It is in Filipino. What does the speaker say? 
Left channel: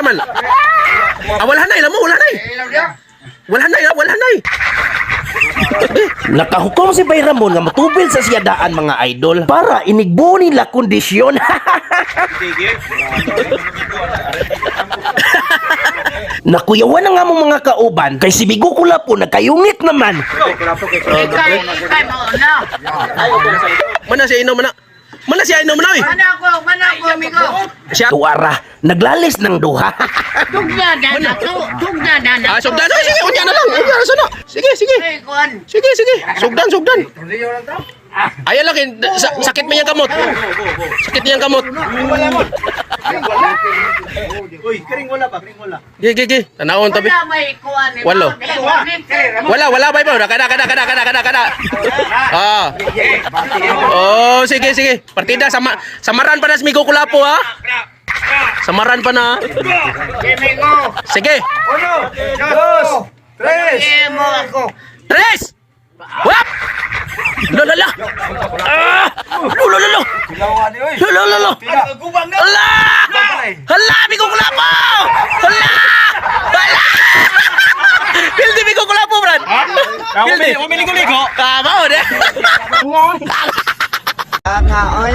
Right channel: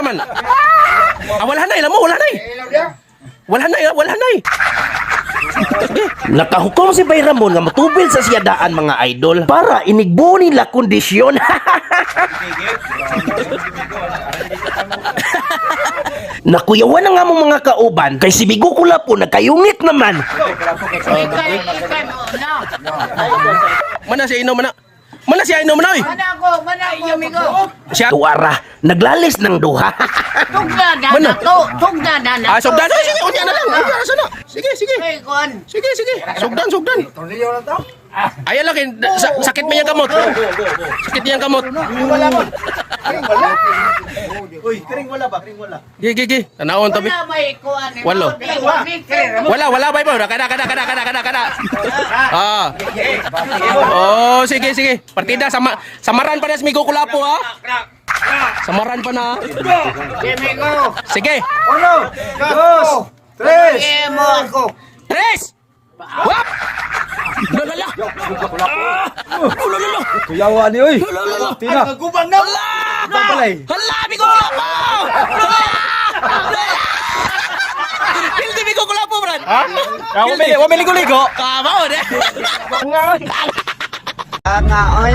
Asa man? Wala na, mo, wala na. Wala na. Nakahukom si Bay Ramon nga matubil sa siyadaan mga idol para inigbo nila kondisyon. Nakuyawan na nga mong mga kauban kay si Bigo Kulapo nagkayungit naman. Mana siya inom na? Mana siya inom na? Mana ako, amigo. Siya tuwara, naglalis ng duha. Tugdadana to, tugdadana. Sugdan. Sige, unya na lang. Unya na sana. Sige. Sige. Sugdan. Ayan lang, sakit mo yung kamot. Sakit niya yung kamot. Uy, kering wala ba? Gigi. Tanawon tabi. Wala may kuan. Walo. Wala ba ibo? Kada. Oh, sige. Partida samaran pa na si Migo Kulapo ha. Samaran pa na. Sige. 1, 2, 3. Mo ako. 3. Wap! Lala! Lolo! Kuyawan ni, uy. Lolo! Gubang na. Hala! Bigo Kulapo! Hala! Pildi Bigo Kulapo, Brad! Pildi! Wame ligo-ligo. Kamao, de! Nga, oy.